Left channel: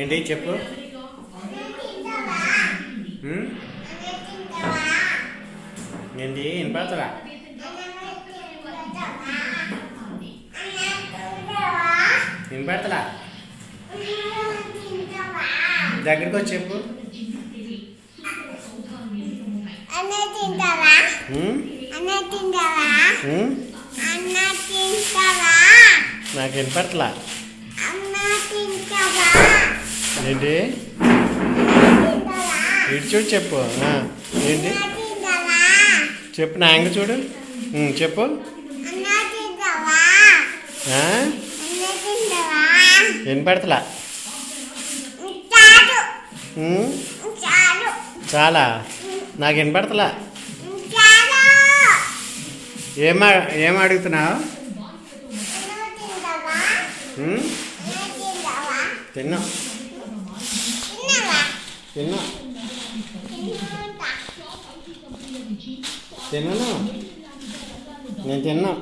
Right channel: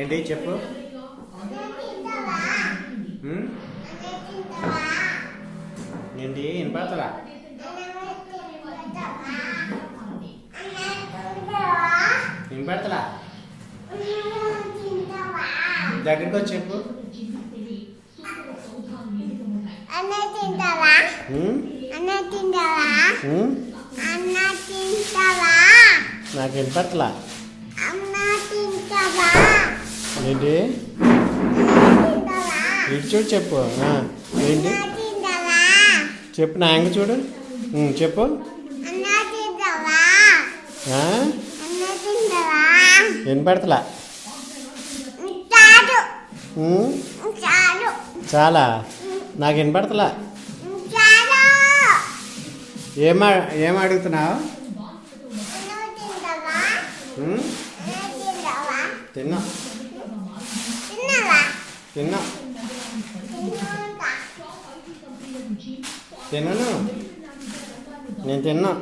ఏంటి చెప్పు. ఏంటి వినపడతలా? వినపడతలా? దగ్గరికి వచ్చి చెప్పు. నాకు వినపడతలా. ఏంటి ఇటు చూడు చెప్పు. ఏంటి చెప్పు, నా యాంగ చూడు. చెప్పు. వినపడతలా? చాలా నాకు వినపడతలా. ఏం అడుగుతున్నావు? తిన్నా తిన్నా తిన్నాను నేను తిన్నా.